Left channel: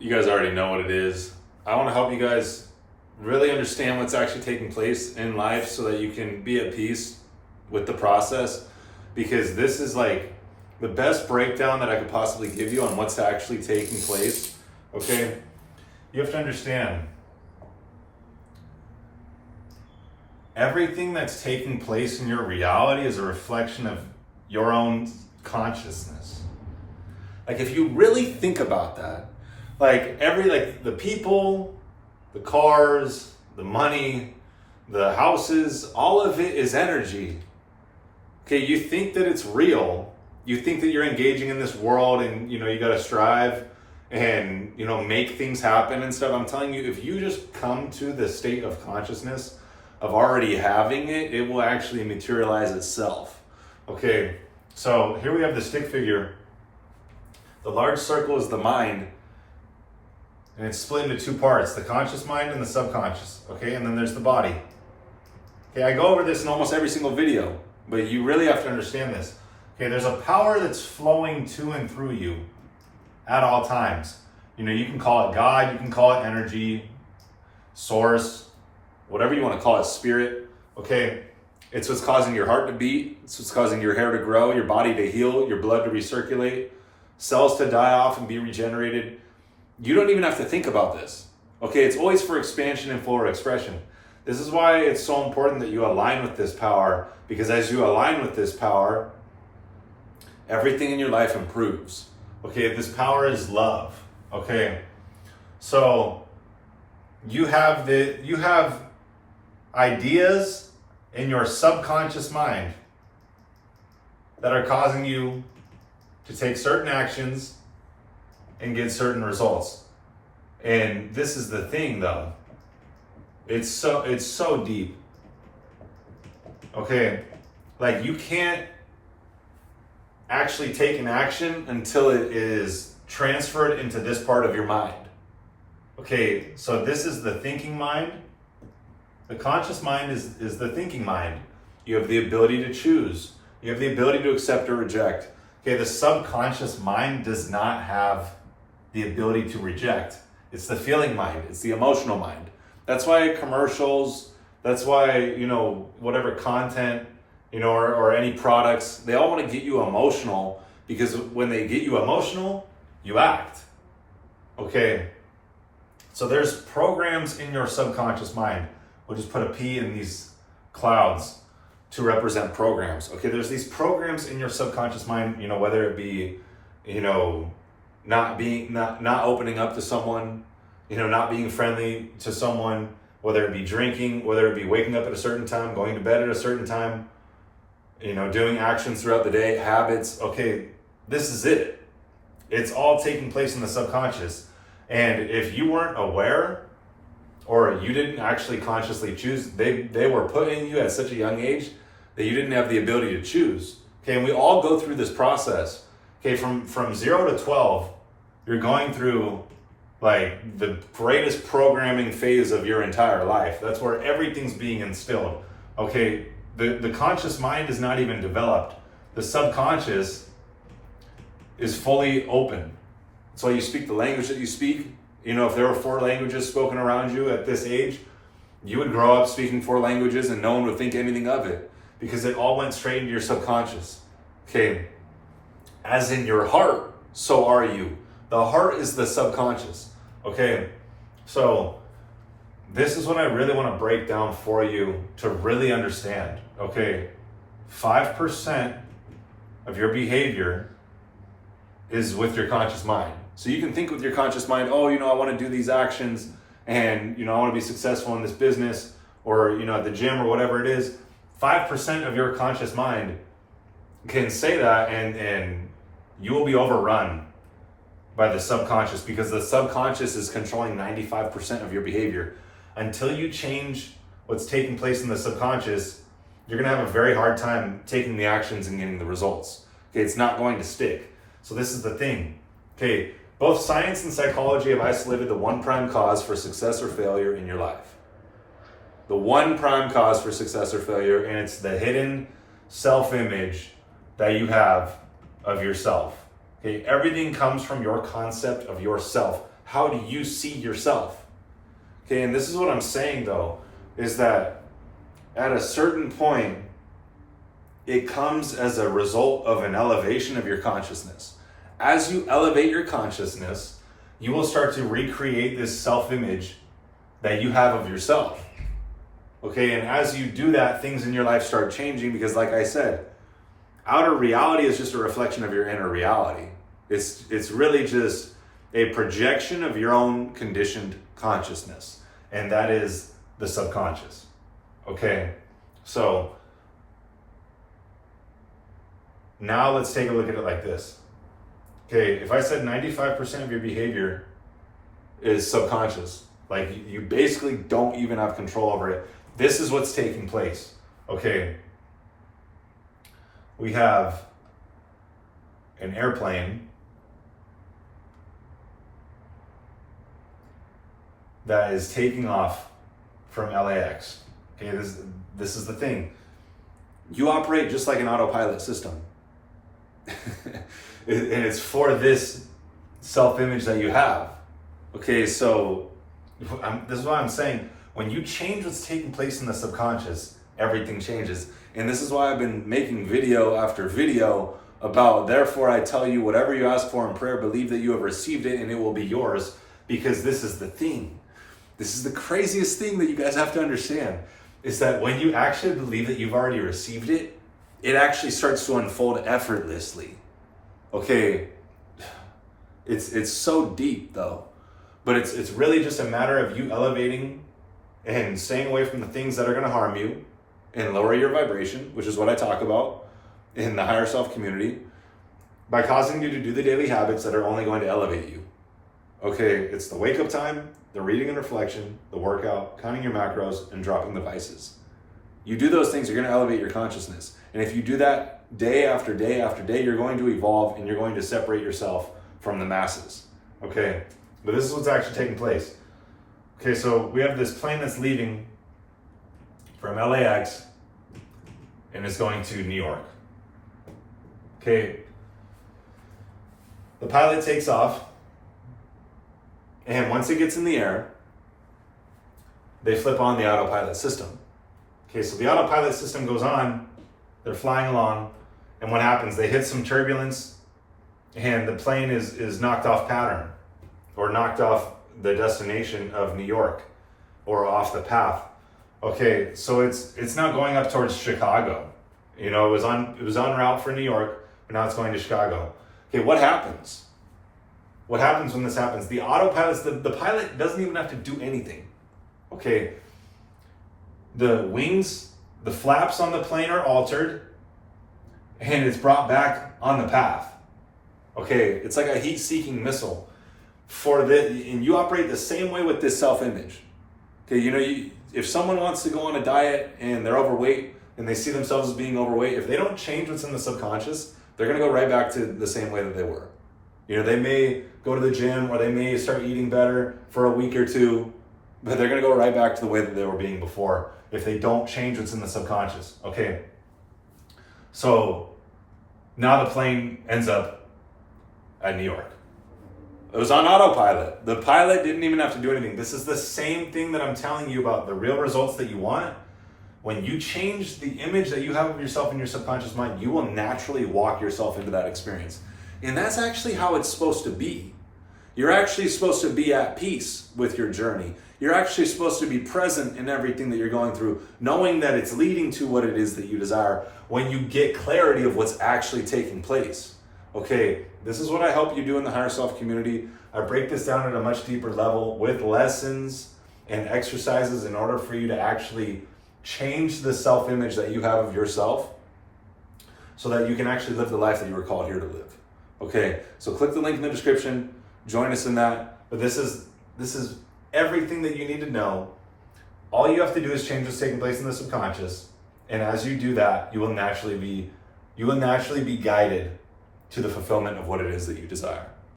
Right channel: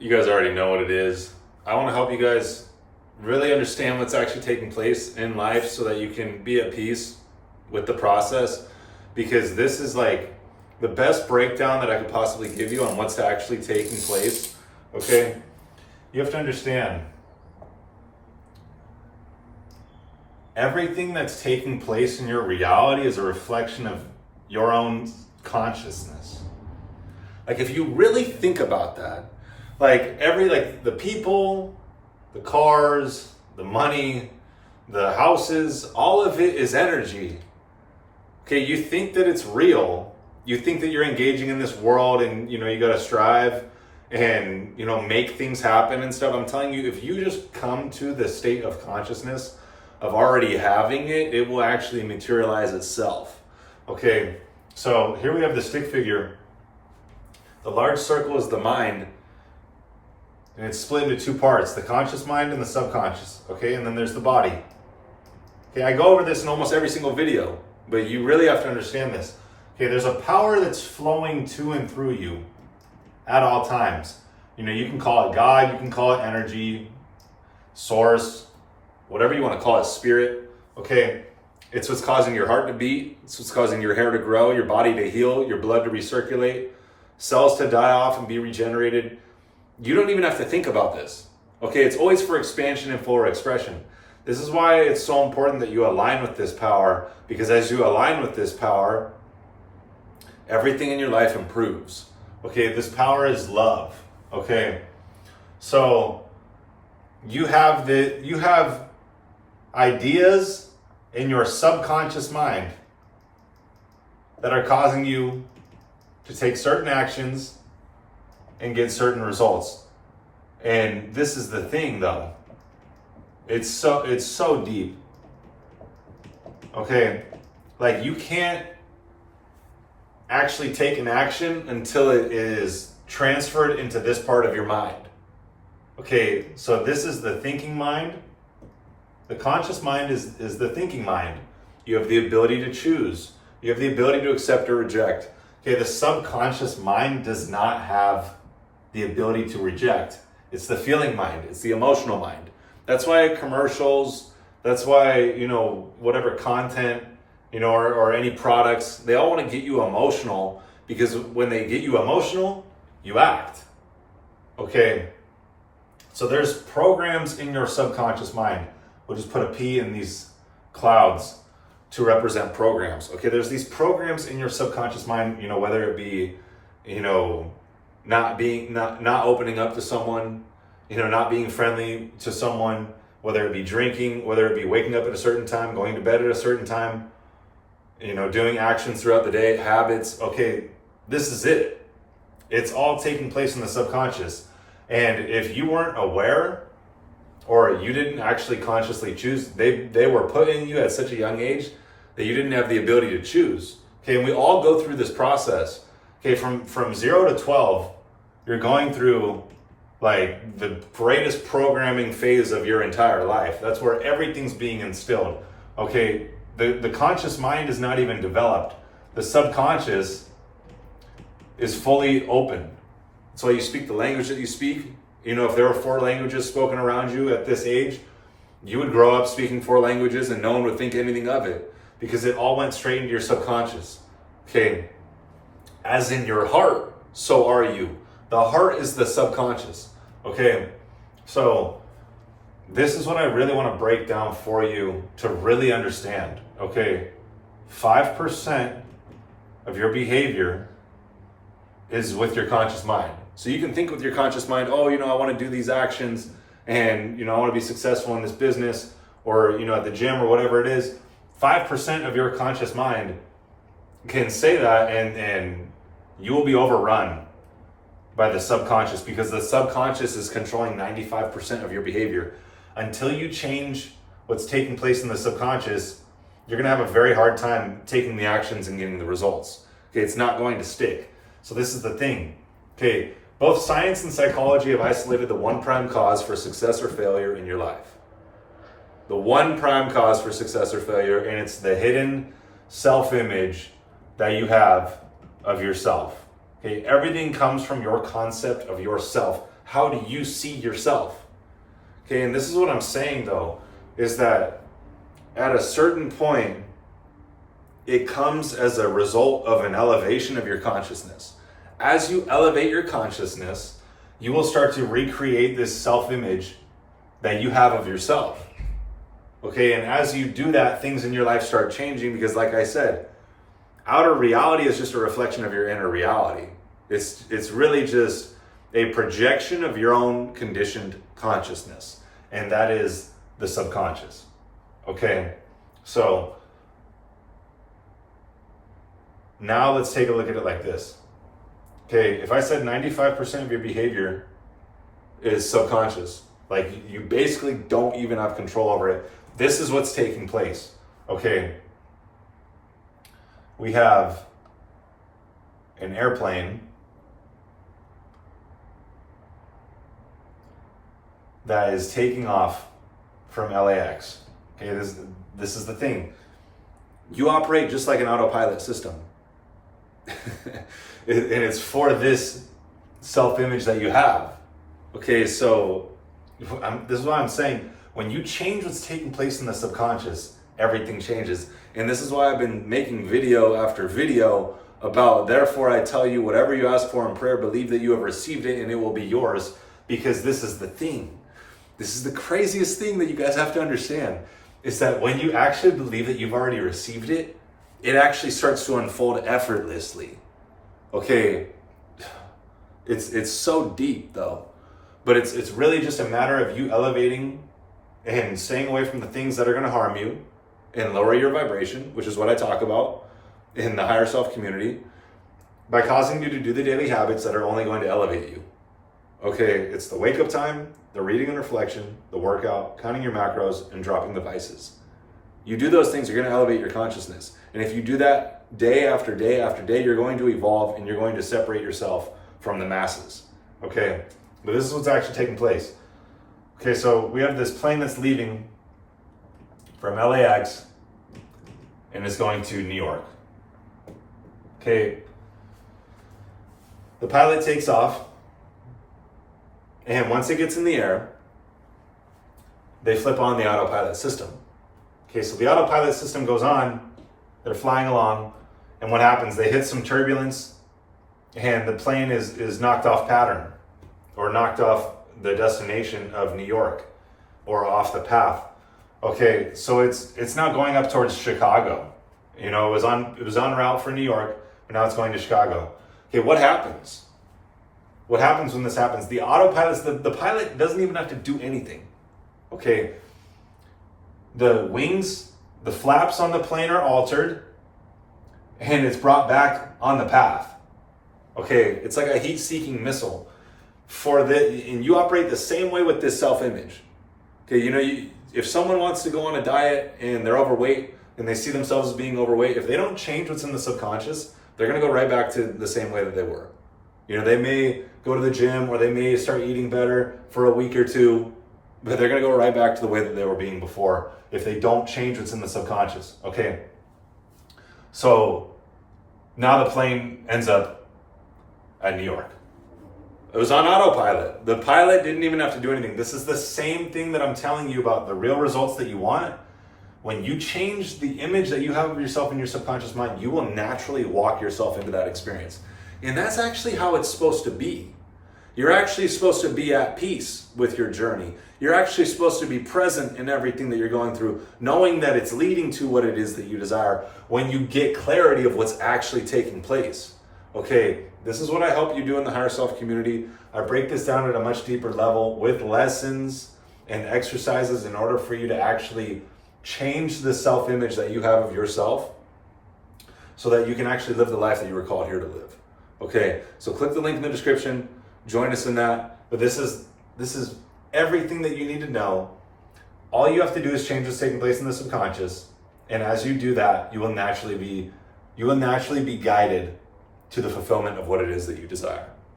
You guys already know what it is. I want to help you guys really understand what's actually taking place in life so that you can be at peace with the process, because this is like the best breakdown that I could possibly give you on what's actually taking place. Okay, you have to understand everything that's taking place in your reality is a reflection of your own consciousness. Like, if you really think about that, like the people, the cars, the money, the houses, all of it is energy. Okay, you think that it's real. You think that you're engaging in this world and, you got to strive and, make things happen and stuff. I'm telling you, if you just come to the state of consciousness of already having it, it will actually materialize itself. Okay, so here we have the stick figure. The large circle is the mind, and it's split into two parts, the conscious mind and the subconscious. Okay, and then there's the body. Okay, I go over this in almost every single video, but you really have to understand this. Okay, there's a power that's flowing to and through you at all times. You can call it God, you can call it energy, source, whatever you want to call it, spirit. Okay, it's what's causing your heart to beat, it's what's causing your hair to grow, your body to heal, your blood to recirculate, cells to die off and be regenerated. You don't even have to think about this. Okay, it's always for expansion and for expression. This is why it's so important that you align with this power, because as you align with this power, everything in your life improves. Okay, this power is love. Okay, so you have ideas in your subconscious mind that are causing you to take certain actions and get certain results. And this is the thing though. It's so deep. Okay, like you can't actually take an action until it is transferred into this part of your mind. Okay, so this is the thinking mind. The conscious mind is the thinking mind. You have the ability to choose. You have the ability to accept or reject. Okay, the subconscious mind does not have the ability to reject. It's the feeling mind. It's the emotional mind. That's why commercials, that's why, whatever content, or any products, they all want to get you emotional, because when they get you emotional, you act. Okay, so there's programs in your subconscious mind. We'll just put a P in these clouds to represent programs. Okay, there's these programs in your subconscious mind, whether it be, not opening up to someone, not being friendly to someone, whether it be drinking, whether it be waking up at a certain time, going to bed at a certain time, doing actions throughout the day, habits. Okay, this is it. It's all taking place in the subconscious. And if you weren't aware, or you didn't actually consciously choose, they were put in you at such a young age that you didn't have the ability to choose. Okay, and we all go through this process. Okay, from 0 to 12, you're going through like the greatest programming phase of your entire life. That's where everything's being instilled. Okay, the conscious mind is not even developed. The subconscious is fully open. That's why you speak the language that you speak. If there were 4 languages spoken around you at this age, you would grow up speaking 4 languages and no one would think anything of it, because it all went straight into your subconscious. Okay, as in your heart, so are you. The heart is the subconscious. Okay, so this is what I really want to break down for you to really understand. Okay, 5% of your behavior is with your conscious mind. So you can think with your conscious mind, oh, I want to do these actions and, I want to be successful in this business, or, at the gym or whatever it is. 5% of your conscious mind can say that, and you will be overrun by the subconscious, because the subconscious is controlling 95% of your behavior. Until you change what's taking place in the subconscious, you're going to have a very hard time taking the actions and getting the results. Okay, it's not going to stick. So this is the thing. Okay, both science and psychology have isolated the one prime cause for success or failure in your life. The one prime cause for success or failure, and it's the hidden self-image that you have of yourself. Okay, everything comes from your concept of yourself, how do you see yourself? Okay, and this is what I'm saying though, is that at a certain point, it comes as a result of an elevation of your consciousness. As you elevate your consciousness, you will start to recreate this self-image that you have of yourself. Okay, and as you do that, things in your life start changing because, like I said, outer reality is just a reflection of your inner reality. It's really just a projection of your own conditioned consciousness, and that is the subconscious. Okay, so now let's take a look at it like this. Okay, if I said 95% of your behavior is subconscious, like you basically don't even have control over it, this is what's taking place. Okay, we have an airplane that is taking off from LAX. Okay, this is the thing. You operate just like an autopilot system. And it's for this self-image that you have. Okay, so this is why I'm saying, when you change what's taking place in the subconscious, everything changes. And this is why I've been making video after video about, therefore I tell you, whatever you ask for in prayer, believe that you have received it and it will be yours, because this is the thing. This is the craziest thing that you guys have to understand, is that when you actually believe that you've already received it, it actually starts to unfold effortlessly. Okay, it's so deep though, but it's really just a matter of you elevating and staying away from the things that are going to harm you and lower your vibration, which is what I talk about in the higher self community, by causing you to do the daily habits that are only going to elevate you. Okay, it's the wake up time, the reading and reflection, the workout, counting your macros, and dropping the vices. You do those things, you're going to elevate your consciousness. And if you do that day after day after day, you're going to evolve and you're going to separate yourself from the masses. Okay, but this is what's actually taking place. Okay, so we have this plane that's leaving from LAX and is going to New York. Okay, the pilot takes off, and once it gets in the air, they flip on the autopilot system. Okay, so the autopilot system goes on, they're flying along, and what happens? They hit some turbulence, and the plane is knocked off pattern, or knocked off the destination of New York, or off the path. Okay, so it's not going up towards Chicago. You know, it was on route for New York, but now it's going to Chicago. Okay, what happens? What happens when this happens? The autopilot, the pilot doesn't even have to do anything. Okay, the wings, the flaps on the plane are altered, and it's brought back on the path. Okay, it's like a heat-seeking missile. And you operate the same way with this self-image. Okay, you know, if someone wants to go on a diet and they're overweight and they see themselves as being overweight, if they don't change what's in the subconscious, they're going to go right back to the same way that they were. You know, they may go to the gym or they may start eating better for a week or two, but they're going to go right back to the way that they were being before if they don't change what's in the subconscious. Okay, so now the plane ends up at New York. It was on autopilot. The pilot didn't even have to do anything. This is the same thing that I'm telling you about the real results that you want. When you change the image that you have of yourself in your subconscious mind, you will naturally walk yourself into that experience. And that's actually how it's supposed to be. You're actually supposed to be at peace with your journey. You're actually supposed to be present in everything that you're going through, knowing that it's leading to what it is that you desire when you get clarity of what's actually taking place. Okay, this is what I help you do in the Higher Self community. I break this down at a much deeper level with lessons and exercises in order for you to actually change the self-image that you have of yourself so that you can actually live the life that you were called here to live. Okay, so click the link in the description, join us in that. But this is everything that you need to know. All you have to do is change what's taking place in the subconscious. And as you do that, you will naturally be guided to the fulfillment of what it is that you desire.